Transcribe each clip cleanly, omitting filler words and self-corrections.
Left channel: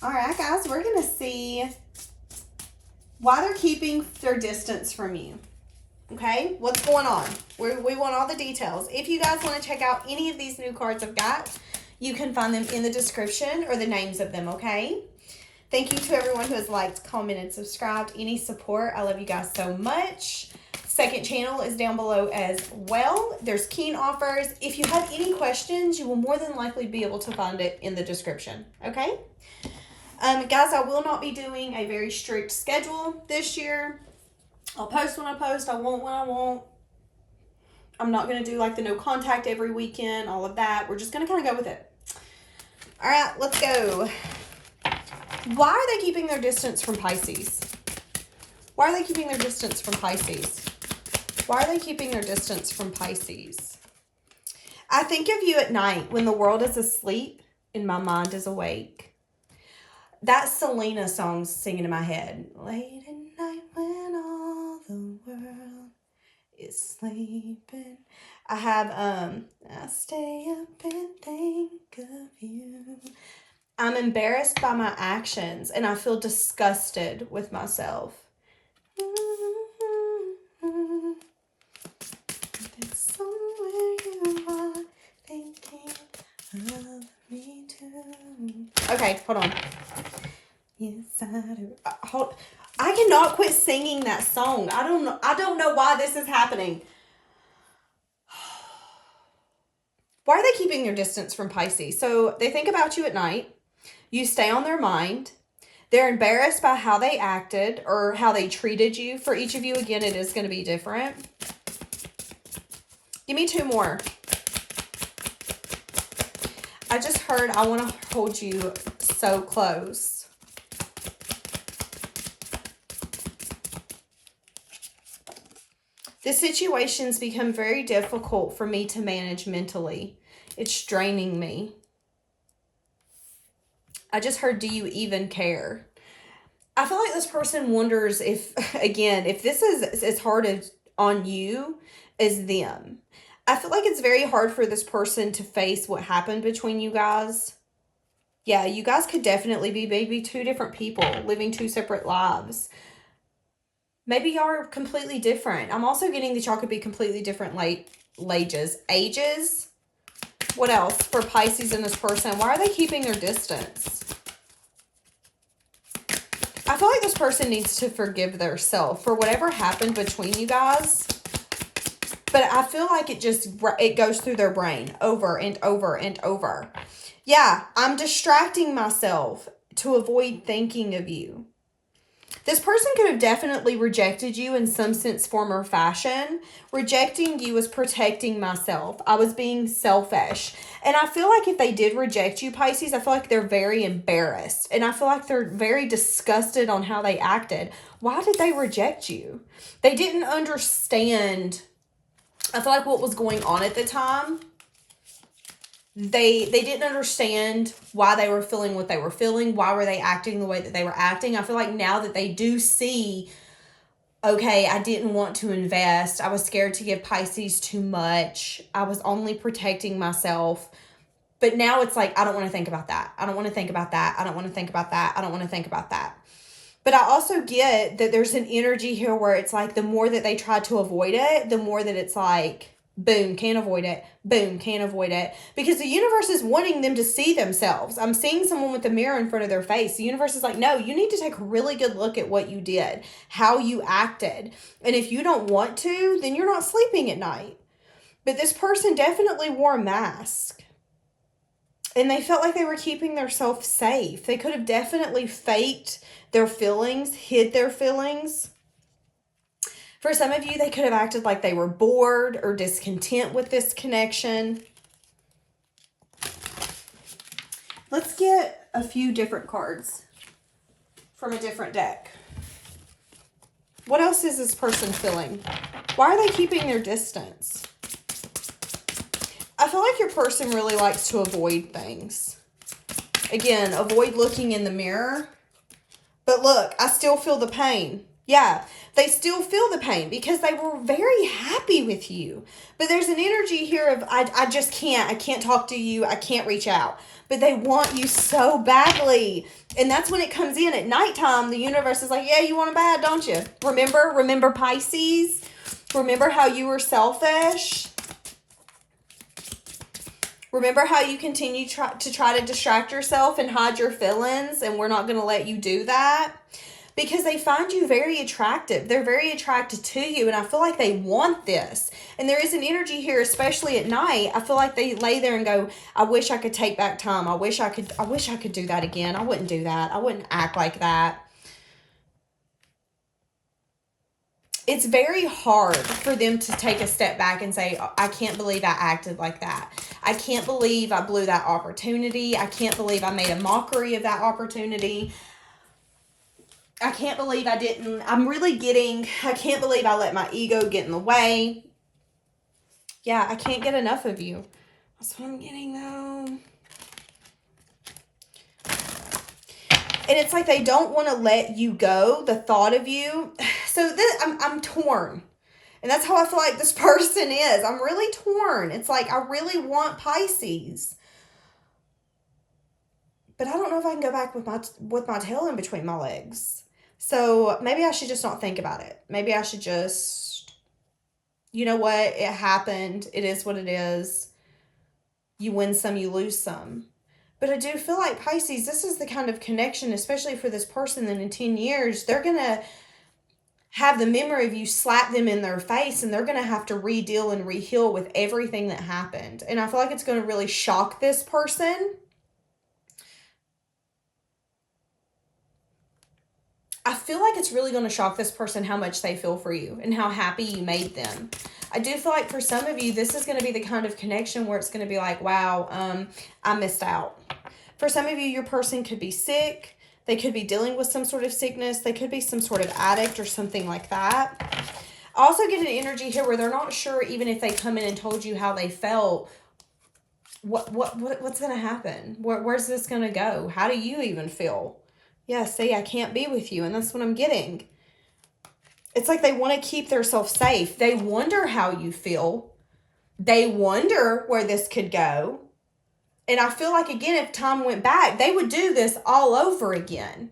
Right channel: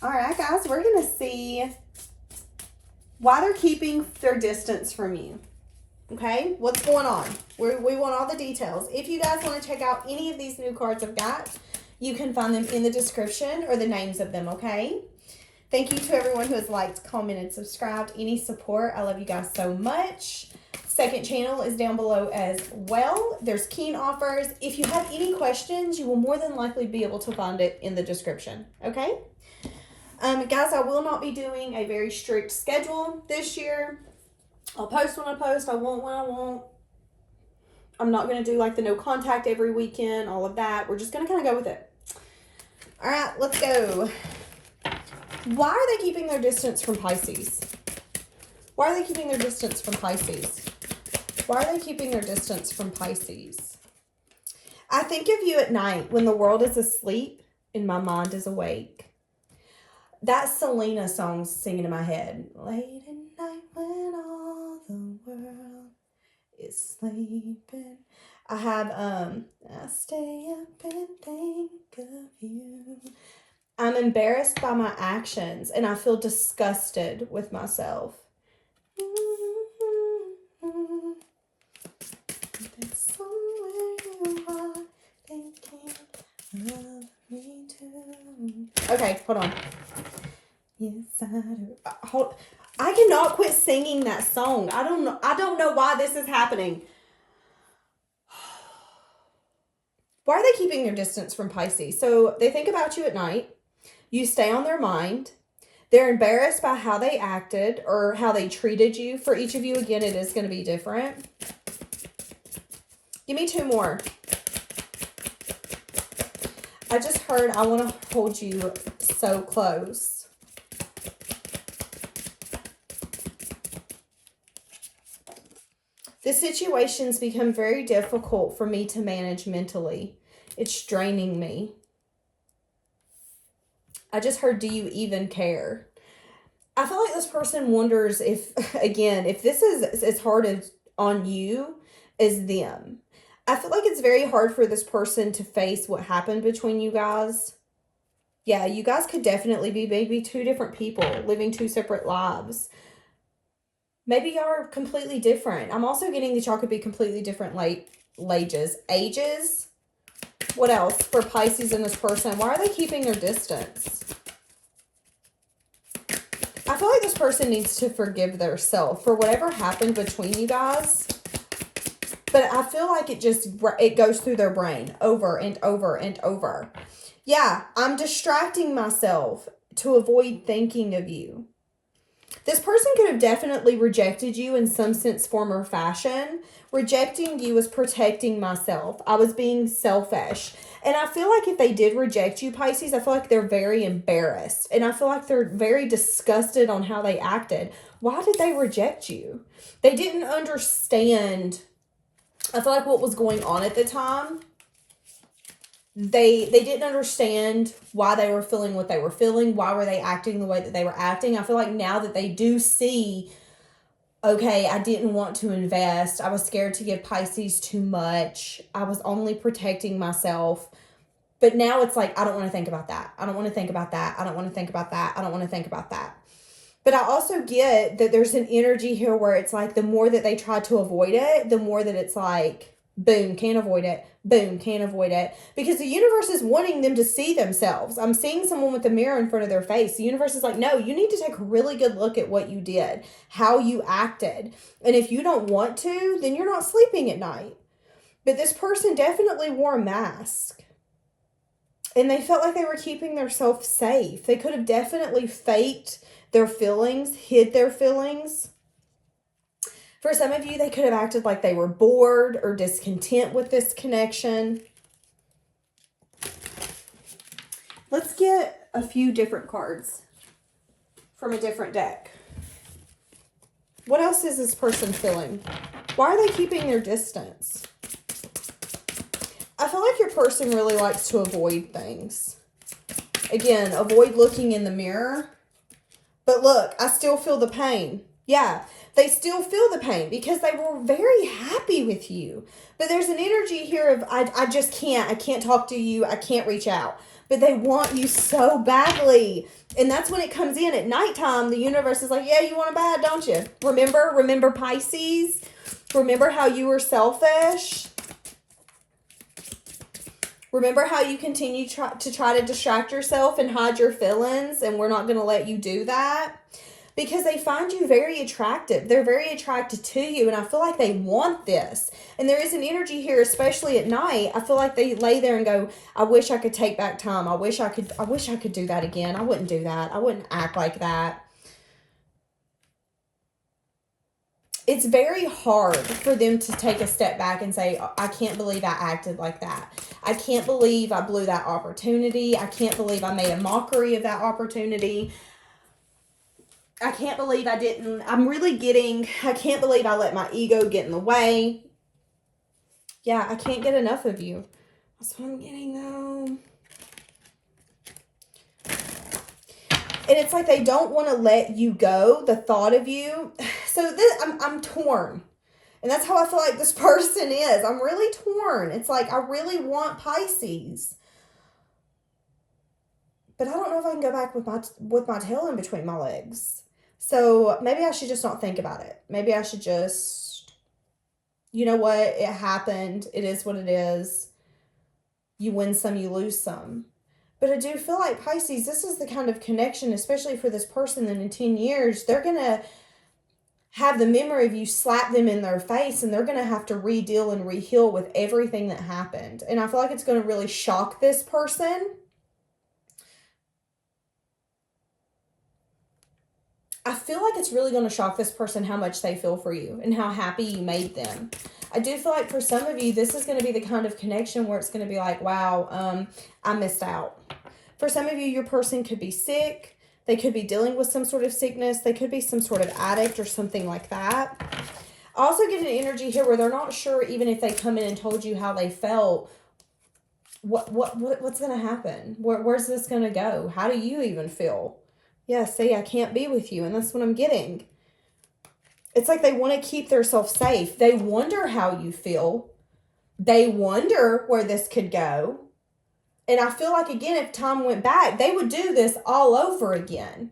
All right, guys, we're going to see why they're keeping their distance from you. Okay, what's going on? We want all the details. If you guys want to check out any of these new cards I've got, you can find them in the description or the names of them, okay? Thank you to everyone who has liked, commented, subscribed, any support. I love you guys so much. Second channel is down below as well. There's keen offers. If you have any questions, you will more than likely be able to find it in the description, okay? Guys, I will not be doing a very strict schedule this year. I'll post when I post. I won't when I won't. I'm not going to do like the no contact every weekend, all of that. We're just going to kind of go with it. All right, let's go. Why are they keeping their distance from Pisces? Why are they keeping their distance from Pisces? Why are they keeping their distance from Pisces? I think of you at night when the world is asleep and my mind is awake. That Selena song's singing in my head. Late at night when all the world is sleeping. I have, I stay up and think of you. I'm embarrassed by my actions and I feel disgusted with myself. Somewhere you are thinking of me too. Okay, hold on. Yes, I do. I cannot quit singing that song. I don't know why this is happening. Why are they keeping their distance from Pisces? So they think about you at night. You stay on their mind. They're embarrassed by how they acted or how they treated you. For each of you, again, it is going to be different. Give me two more. I just heard I want to hold you so close. The situations become very difficult for me to manage mentally. It's draining me. I just heard, do you even care? I feel like this person wonders if, again, if this is as hard as on you as them. I feel like it's very hard for this person to face what happened between you guys. Yeah, you guys could definitely be maybe two different people living two separate lives. Maybe y'all are completely different. I'm also getting that y'all could be completely different ages. What else for Pisces and this person? Why are they keeping their distance? I feel like this person needs to forgive themselves for whatever happened between you guys. But I feel like it goes through their brain over and over and over. Yeah, I'm distracting myself to avoid thinking of you. This person could have definitely rejected you in some sense, form, or fashion. Rejecting you is protecting myself. I was being selfish. And I feel like if they did reject you, Pisces, I feel like they're very embarrassed. And I feel like they're very disgusted on how they acted. Why did they reject you? They didn't understand, I feel like, what was going on at the time. They didn't understand why they were feeling what they were feeling. Why were they acting the way that they were acting? I feel like now that they do see, okay, I didn't want to invest. I was scared to give Pisces too much. I was only protecting myself. But now it's like, I don't want to think about that. I don't want to think about that. I don't want to think about that. I don't want to think about that. But I also get that there's an energy here where it's like the more that they try to avoid it, the more that it's like, boom, can't avoid it. Boom, can't avoid it. Because the universe is wanting them to see themselves. I'm seeing someone with a mirror in front of their face. The universe is like, no, you need to take a really good look at what you did, how you acted. And if you don't want to, then you're not sleeping at night. But this person definitely wore a mask. And they felt like they were keeping themselves safe. They could have definitely faked their feelings, hid their feelings. For some of you, they could have acted like they were bored or discontent with this connection. Let's get a few different cards from a different deck. What else is this person feeling? Why are they keeping their distance? I feel like your person really likes to avoid things. Again, avoid looking in the mirror. But look, I still feel the pain. Yeah, they still feel the pain because they were very happy with you. But there's an energy here of, I just can't. I can't talk to you. I can't reach out. But they want you so badly. And that's when it comes in at nighttime. The universe is like, yeah, you want them bad, don't you? Remember Pisces? Remember how you were selfish? Remember how you continue to try to distract yourself and hide your feelings, and we're not going to let you do that? Because they find you very attractive. They're very attracted to you, and I feel like they want this. And there is an energy here, especially at night. I feel like they lay there and go, I wish I could take back time. I wish I could do that again. I wouldn't do that. I wouldn't act like that. It's very hard for them to take a step back and say, I can't believe I acted like that. I can't believe I blew that opportunity. I can't believe I made a mockery of that opportunity. I can't believe I didn't. I can't believe I let my ego get in the way. Yeah, I can't get enough of you. That's what I'm getting though. And it's like they don't want to let you go, the thought of you. So I'm torn. And that's how I feel like this person is. I'm really torn. It's like I really want Pisces. But I don't know if I can go back with my tail in between my legs. So maybe I should just not think about it. Maybe I should just, you know what? It happened. It is what it is. You win some, you lose some. But I do feel like Pisces, this is the kind of connection, especially for this person that in 10 years, they're going to have the memory of you slap them in their face, and they're going to have to re-deal and re-heal with everything that happened. And I feel like it's going to really shock this person. I feel like it's really going to shock this person how much they feel for you and how happy you made them. I do feel like for some of you, this is going to be the kind of connection where it's going to be like, wow, I missed out. For some of you, your person could be sick. They could be dealing with some sort of sickness. They could be some sort of addict or something like that. I also get an energy here where they're not sure, even if they come in and told you how they felt, what's going to happen? Where's this going to go? How do you even feel? Yeah, see, I can't be with you. And that's what I'm getting. It's like they want to keep themselves safe. They wonder how you feel. They wonder where this could go. And I feel like, again, if time went back, they would do this all over again.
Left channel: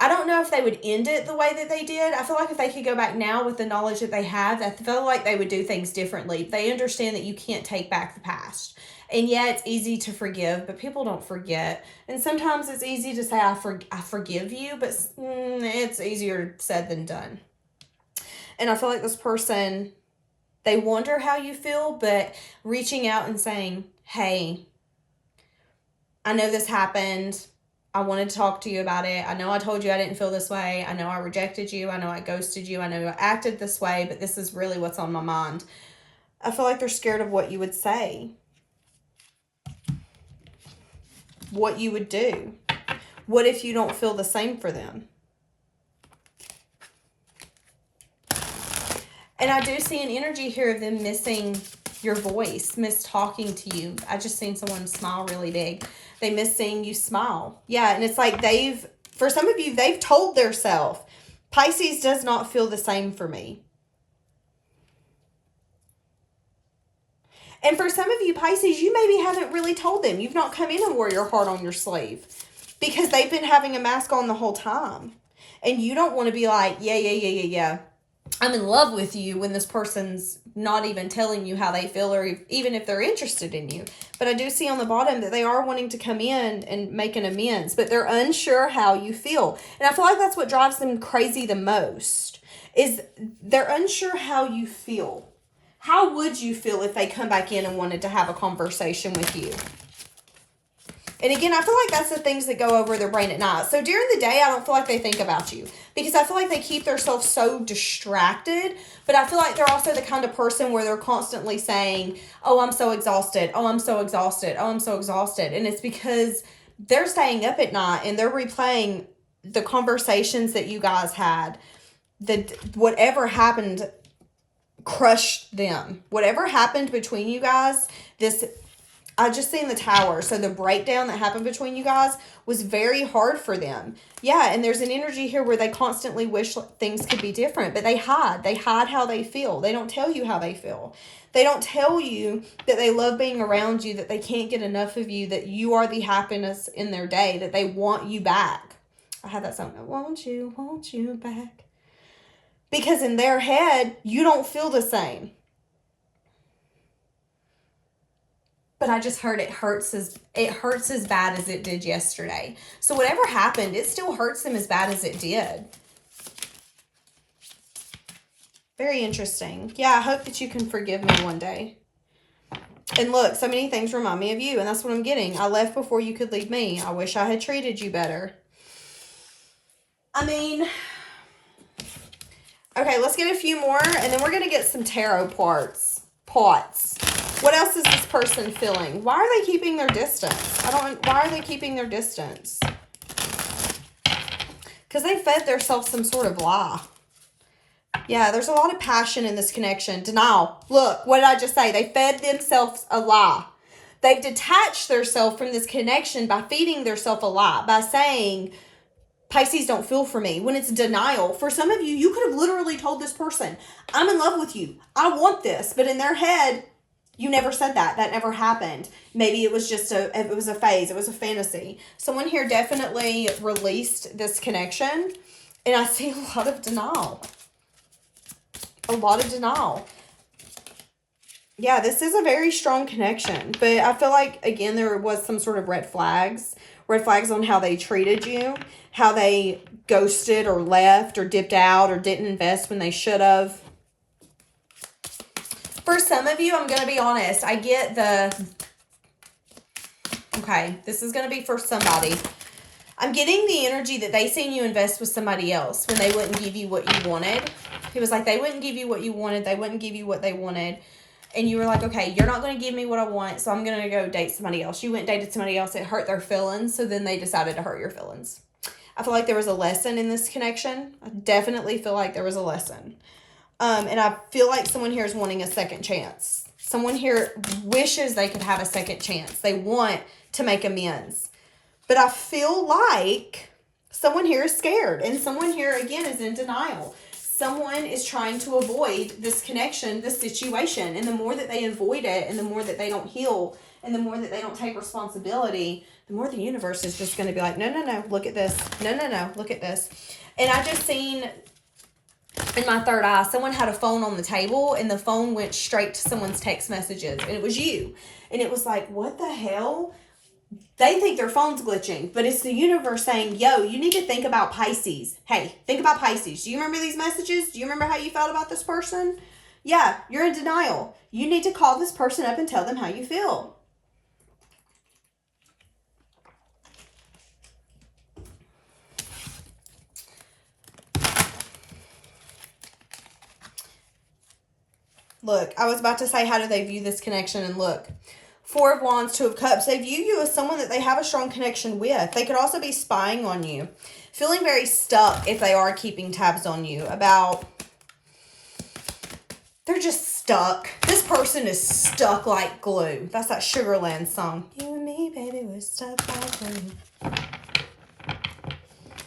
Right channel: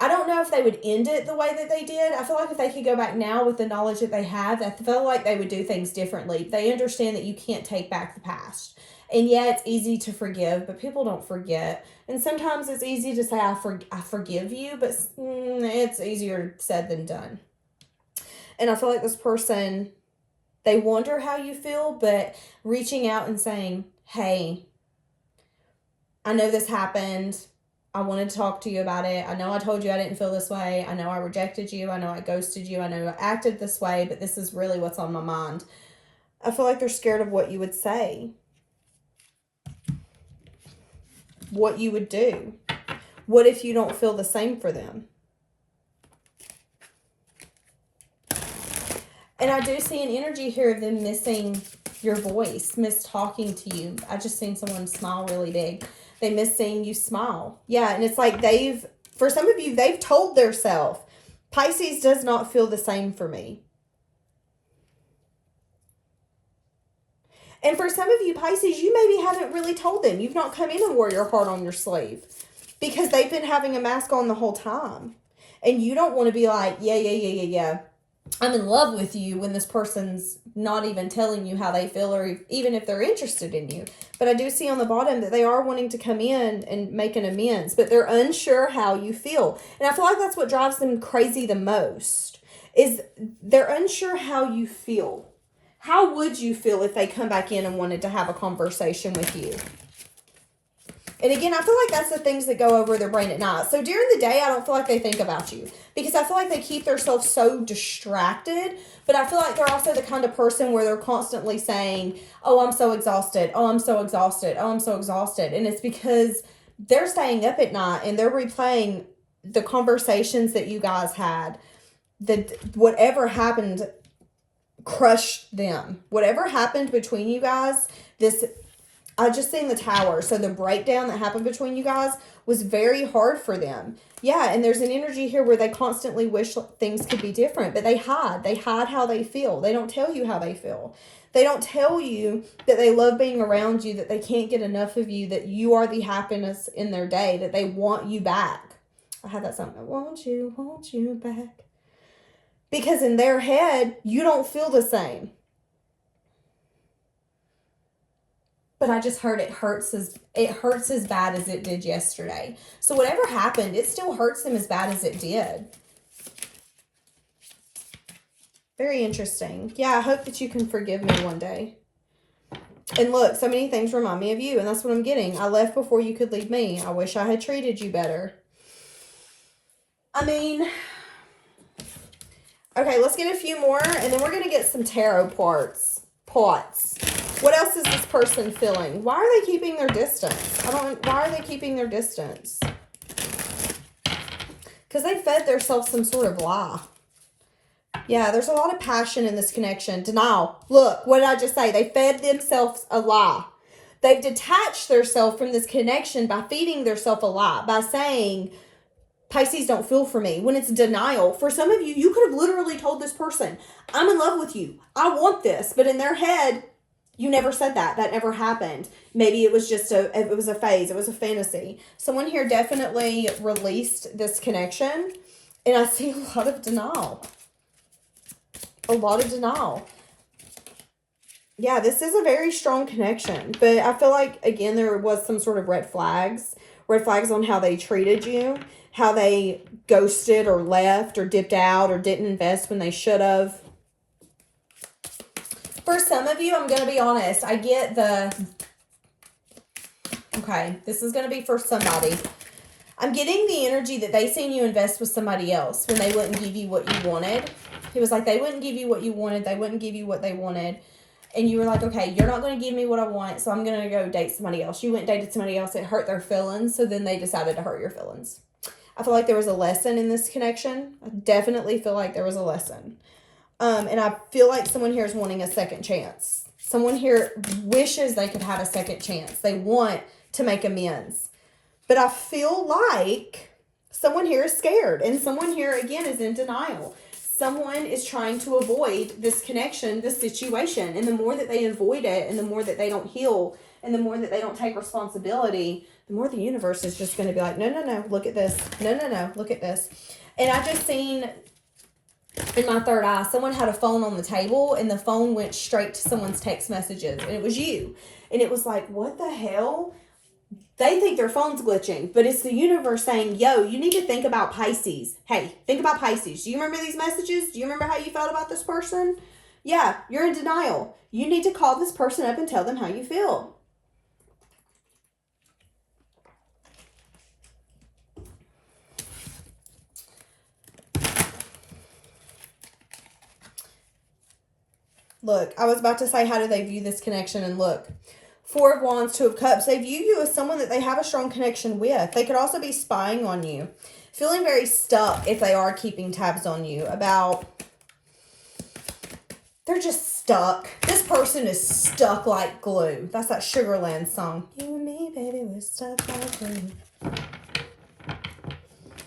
I don't know if they would end it the way that they did. I feel like if they could go back now with the knowledge that they have, I feel like they would do things differently. They understand that you can't take back the past. And yeah, it's easy to forgive, but people don't forget. And sometimes it's easy to say, I forgive you, but it's easier said than done. And I feel like this person, they wonder how you feel, but reaching out and saying, hey, I know this happened. I wanted to talk to you about it. I know I told you I didn't feel this way. I know I rejected you. I know I ghosted you. I know I acted this way, but this is really what's on my mind. I feel like they're scared of what you would say. What you would do. What if you don't feel the same for them? And I do see an energy here of them missing your voice, miss talking to you. I just seen someone smile really big. They miss seeing you smile. Yeah, and it's like for some of you, they've told themselves, Pisces does not feel the same for me. And for some of you, Pisces, you maybe haven't really told them. You've not come in and wore your heart on your sleeve because they've been having a mask on the whole time. And you don't want to be like, yeah, I'm in love with you when this person's not even telling you how they feel or even if they're interested in you. But I do see on the bottom that they are wanting to come in and make an amends, but they're unsure how you feel. And I feel like that's what drives them crazy the most, is they're unsure how you feel. How would you feel if they come back in and wanted to have a conversation with you? And again, I feel like that's the things that go over their brain at night. So during the day, I don't feel like they think about you because I feel like they keep themselves so distracted. But I feel like they're also the kind of person where they're constantly saying, oh, I'm so exhausted. Oh, I'm so exhausted. Oh, I'm so exhausted. And it's because they're staying up at night and they're replaying the conversations that you guys had. Whatever happened crushed them. Whatever happened between you guys, this I just seen the Tower. So the breakdown that happened between you guys was very hard for them. Yeah, and there's an energy here where they constantly wish things could be different, but they hide. They hide how they feel. They don't tell you how they feel. They don't tell you that they love being around you, that they can't get enough of you, that you are the happiness in their day, that they want you back. I had that song, I want you back. Because in their head, you don't feel the same. But I just heard it hurts as bad as it did yesterday. So whatever happened, it still hurts them as bad as it did. Very interesting. Yeah, I hope that you can forgive me one day. And look, so many things remind me of you, and that's what I'm getting. I left before you could leave me. I wish I had treated you better. I mean, okay, let's get a few more, and then we're going to get some tarot pots. What else is this person feeling? Why are they keeping their distance? Why are they keeping their distance? Because they fed themselves some sort of lie. Yeah, there's a lot of passion in this connection. Denial. Look, what did I just say? They fed themselves a lie. They've detached themselves from this connection by feeding themselves a lie, by saying, Pisces don't feel for me, when it's denial. For some of you, you could have literally told this person, I'm in love with you. I want this. But in their head, you never said that. That never happened. Maybe it was just it was a phase. It was a fantasy. Someone here definitely released this connection. And I see a lot of denial. A lot of denial. Yeah, this is a very strong connection. But I feel like, again, there was some sort of red flags. Red flags on how they treated you. How they ghosted or left or dipped out or didn't invest when they should have. For some of you, I'm going to be honest. I get okay, this is going to be for somebody. I'm getting the energy that they seen you invest with somebody else when they wouldn't give you what you wanted. It was like they wouldn't give you what you wanted. They wouldn't give you what they wanted. And you were like, okay, you're not going to give me what I want, so I'm going to go date somebody else. You went and dated somebody else. It hurt their feelings, so then they decided to hurt your feelings. I feel like there was a lesson in this connection. I definitely feel like there was a lesson. And I feel like someone here is wanting a second chance. Someone here wishes they could have a second chance. They want to make amends. But I feel like someone here is scared. And someone here, again, is in denial. Someone is trying to avoid this connection, this situation. And the more that they avoid it, and the more that they don't heal, and the more that they don't take responsibility, the more the universe is just going to be like, no, look at this. No, look at this. And I just seen in my third eye, someone had a phone on the table, and the phone went straight to someone's text messages, and it was you. And it was like, what the hell? They think their phone's glitching, but it's the universe saying, yo, you need to think about Pisces. Hey, think about Pisces. Do you remember these messages? Do you remember how you felt about this person? Yeah, you're in denial. You need to call this person up and tell them how you feel. Look, I was about to say, how do they view this connection? And look, Four of Wands, Two of Cups. They view you as someone that they have a strong connection with. They could also be spying on you. Feeling very stuck if they are keeping tabs on you about... They're just stuck. This person is stuck like glue. That's that Sugarland song. You and me, baby, we're stuck like glue.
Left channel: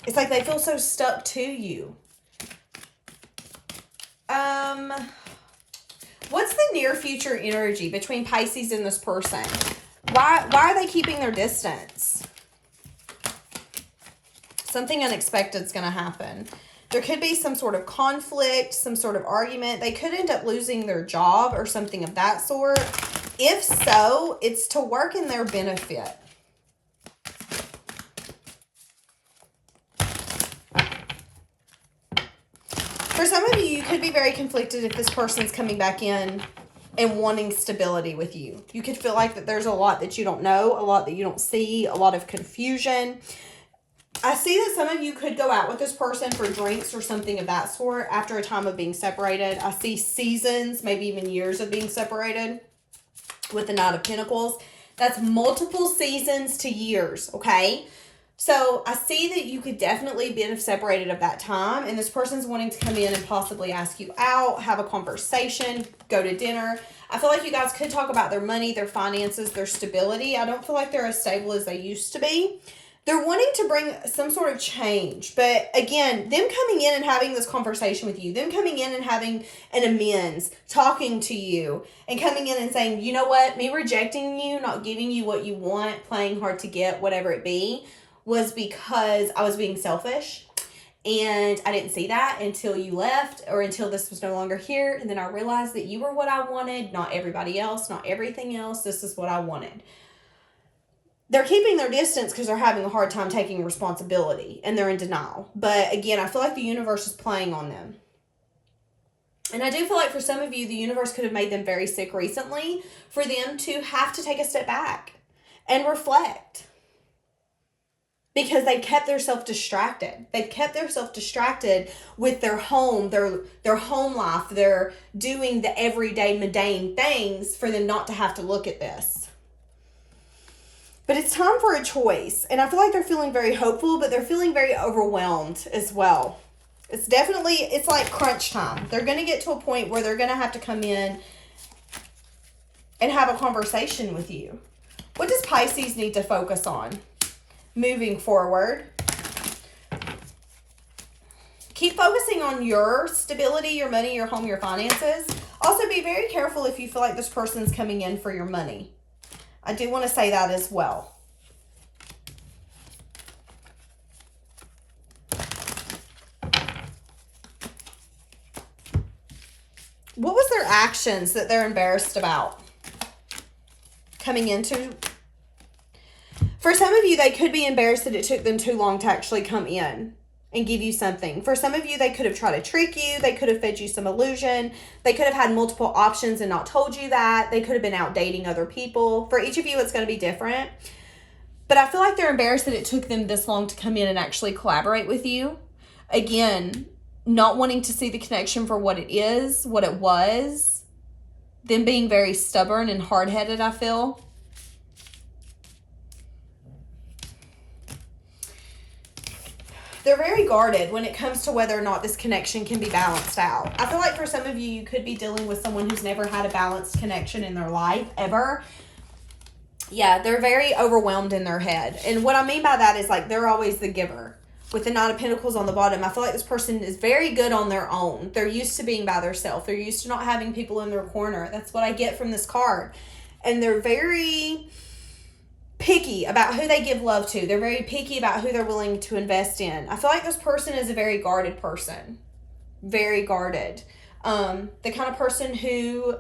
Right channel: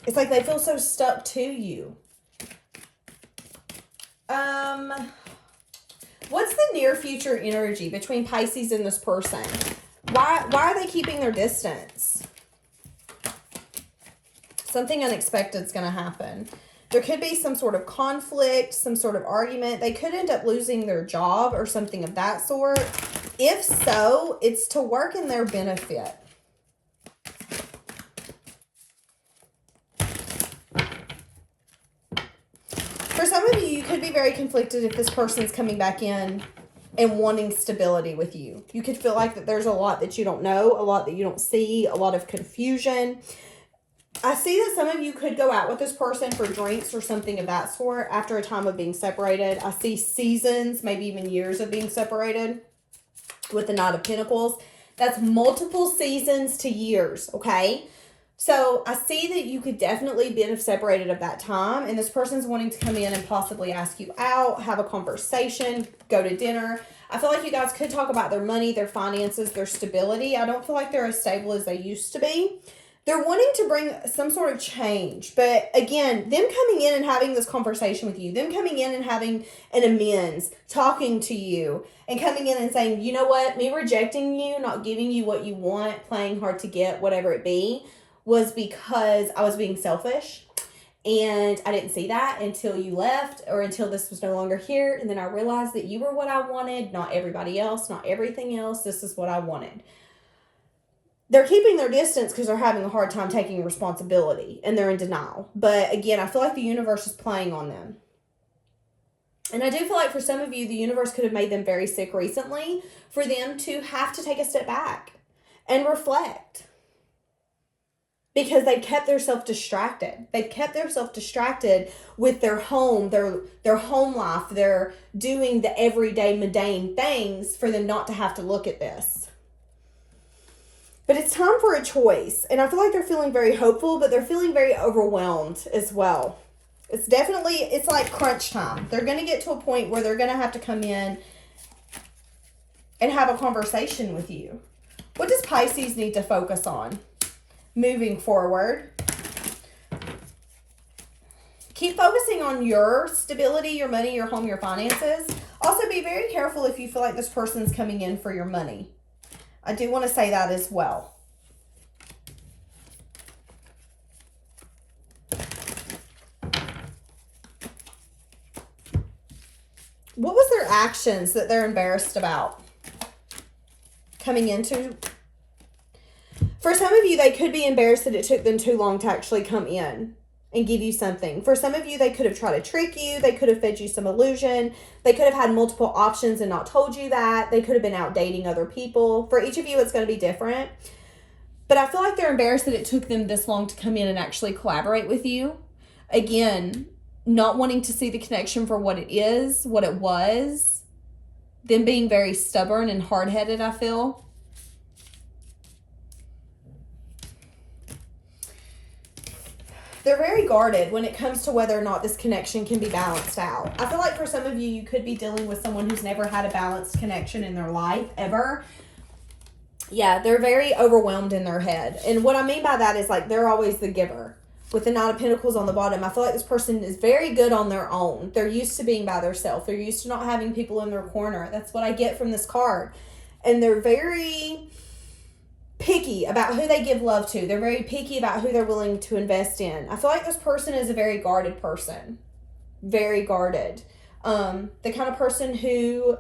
It's like they feel so stuck to you. What's the near future energy between Pisces and this person? Why are they keeping their distance? Something unexpected is going to happen. There could be some sort of conflict, some sort of argument. They could end up losing their job or something of that sort. If so, it's to work in their benefit. For some of you, you could be very conflicted if this person's coming back in and wanting stability with you. You could feel like that there's a lot that you don't know, a lot that you don't see, a lot of confusion. I see that some of you could go out with this person for drinks or something of that sort after a time of being separated. I see seasons, maybe even years of being separated with the Knight of Pentacles. That's multiple seasons to years, okay? So I see that you could definitely be separated of that time, and this person's wanting to come in and possibly ask you out, have a conversation, go to dinner. I feel like you guys could talk about their money, their finances, their stability. I don't feel like they're as stable as they used to be. They're wanting to bring some sort of change. But again, them coming in and having this conversation with you, them coming in and having an amends, talking to you, and coming in and saying, you know what, me rejecting you, not giving you what you want, playing hard to get, whatever it be, was because I was being selfish. And I didn't see that until you left, or until this was no longer here. And then I realized that you were what I wanted, not everybody else, not everything else. This is what I wanted. They're keeping their distance because they're having a hard time taking responsibility and they're in denial. But again, I feel like the universe is playing on them. And I do feel like for some of you, the universe could have made them very sick recently for them to have to take a step back and reflect. Because they've kept themselves distracted. They've kept themselves distracted with their home, their home life. They're doing the everyday mundane things for them not to have to look at this. But it's time for a choice. And I feel like they're feeling very hopeful, but they're feeling very overwhelmed as well. It's like crunch time. They're going to get to a point where they're going to have to come in and have a conversation with you. What does Pisces need to focus on moving forward? Keep focusing on your stability, your money, your home, your finances. Also, be very careful if you feel like this person's coming in for your money. I do want to say that as well. What was their actions that they're embarrassed about coming into? For some of you, they could be embarrassed that it took them too long to actually come in and give you something. For some of you, they could have tried to trick you. They could have fed you some illusion. They could have had multiple options and not told you that. They could have been out dating other people. For each of you, it's going to be different. But I feel like they're embarrassed that it took them this long to come in and actually collaborate with you. Again, not wanting to see the connection for what it is, what it was. Them being very stubborn and hard-headed, I feel. They're very guarded when it comes to whether or not this connection can be balanced out. I feel like for some of you, you could be dealing with someone who's never had a balanced connection in their life, ever. Yeah, they're very overwhelmed in their head. And what I mean by that is like they're always the giver. With the Knight of Pentacles on the bottom, I feel like this person is very good on their own. They're used to being by themselves. They're used to not having people in their corner. That's what I get from this card. And they're very picky about who they give love to. They're very picky about who they're willing to invest in. I feel like this person is a very guarded person. Very guarded. The kind of person who,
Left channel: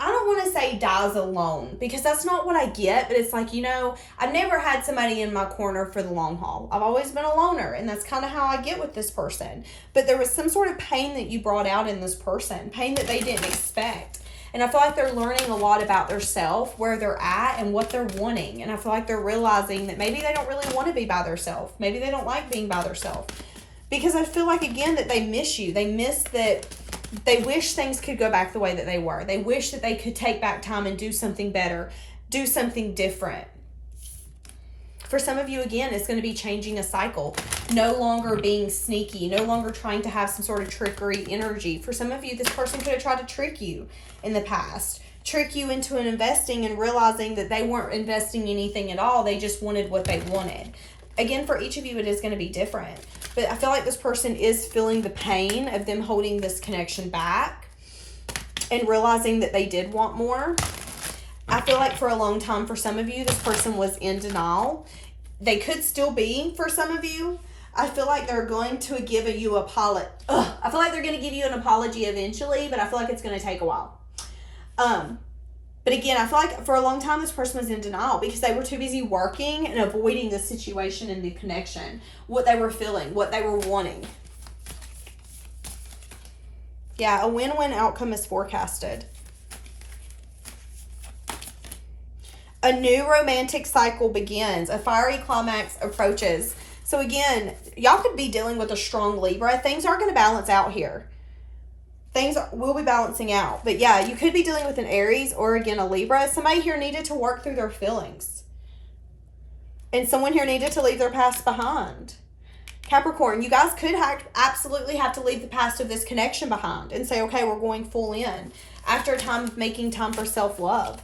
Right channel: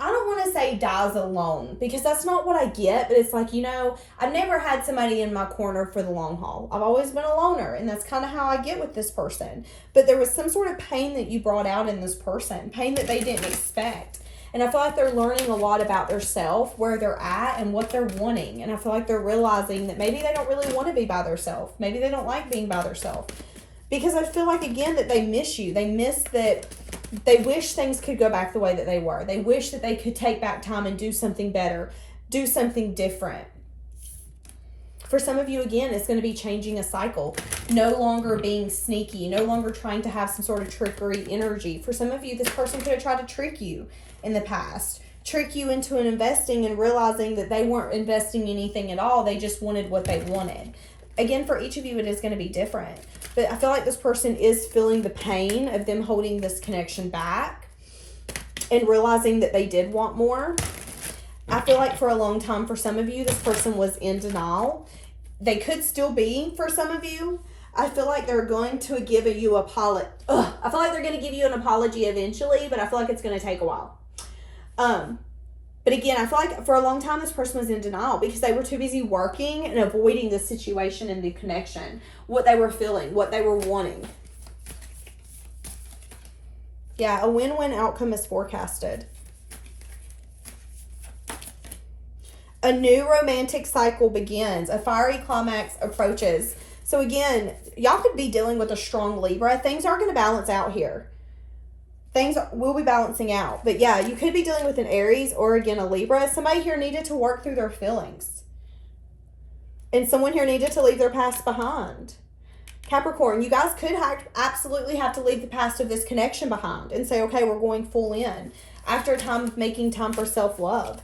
I don't want to say dies alone, because that's not what I get, but it's like, you know, I've never had somebody in my corner for the long haul. I've always been a loner, and that's kind of how I get with this person. But there was some sort of pain that you brought out in this person, pain that they didn't expect. And I feel like they're learning a lot about themselves, where they're at, and what they're wanting. And I feel like they're realizing that maybe they don't really want to be by themselves. Maybe they don't like being by themselves. Because I feel like, again, that they miss you. They miss that. They wish things could go back the way that they were. They wish that they could take back time and do something better, do something different. For some of you, again, it's going to be changing a cycle. No longer being sneaky. No longer trying to have some sort of trickery energy. For some of you, this person could have tried to trick you in the past. Trick you into an investing and realizing that they weren't investing anything at all. They just wanted what they wanted. Again, for each of you, it is going to be different. But I feel like this person is feeling the pain of them holding this connection back and realizing that they did want more. I feel like for a long time, for some of you, this person was in denial. They could still be for some of you. I feel like they're going to give you I feel like they're going to give you an apology eventually, but I feel like it's going to take a while. But again, I feel like for a long time, this person was in denial because they were too busy working and avoiding the situation and the connection, what they were feeling, what they were wanting. Yeah, a win-win outcome is forecasted. A new romantic cycle begins. A fiery climax approaches. So again, y'all could be dealing with a strong Libra. Things are going to balance out here. Things will be balancing out. But yeah, you could be dealing with an Aries or, again, a Libra. Somebody here needed to work through their feelings. And someone here needed to leave their past behind. Capricorn, you guys could absolutely have to leave the past of this connection behind and say, okay, we're going full in. After a time of making time for self-love.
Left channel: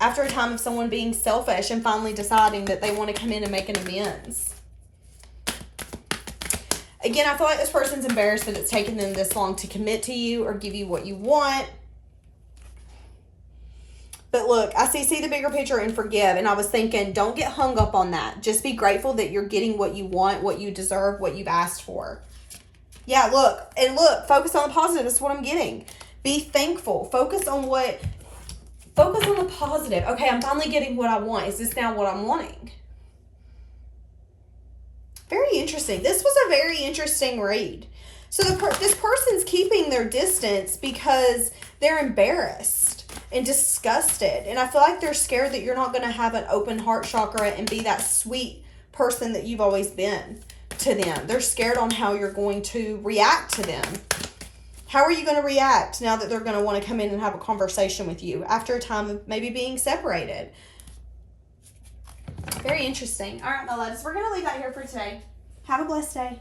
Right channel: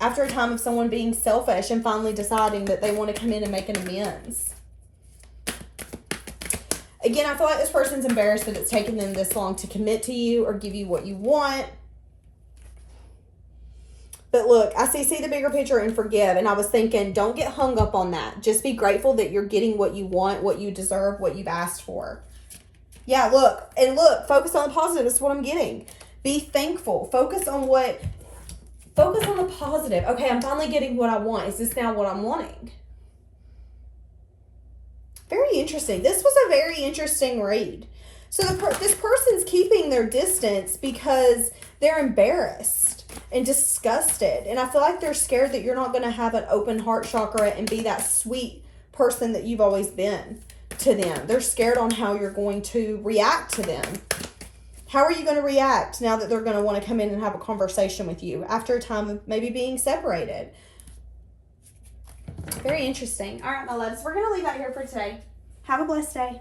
After a time of someone being selfish and finally deciding that they want to come in and make an amends. Again, I feel like this person's embarrassed that it's taken them this long to commit to you or give you what you want. But look, I see the bigger picture and forgive. And I was thinking, don't get hung up on that. Just be grateful that you're getting what you want, what you deserve, what you've asked for. Yeah, look. And look, focus on the positive. That's what I'm getting. Be thankful. Focus on the positive. Okay, I'm finally getting what I want. Is this now what I'm wanting? Very interesting. This was a very interesting read. So this person's keeping their distance because they're embarrassed and disgusted. And I feel like they're scared that you're not going to have an open heart chakra and be that sweet person that you've always been to them. They're scared on how you're going to react to them. How are you going to react now that they're going to want to come in and have a conversation with you after a time of maybe being separated? Very interesting. All right, my loves, we're going to leave that here for today. Have a blessed day.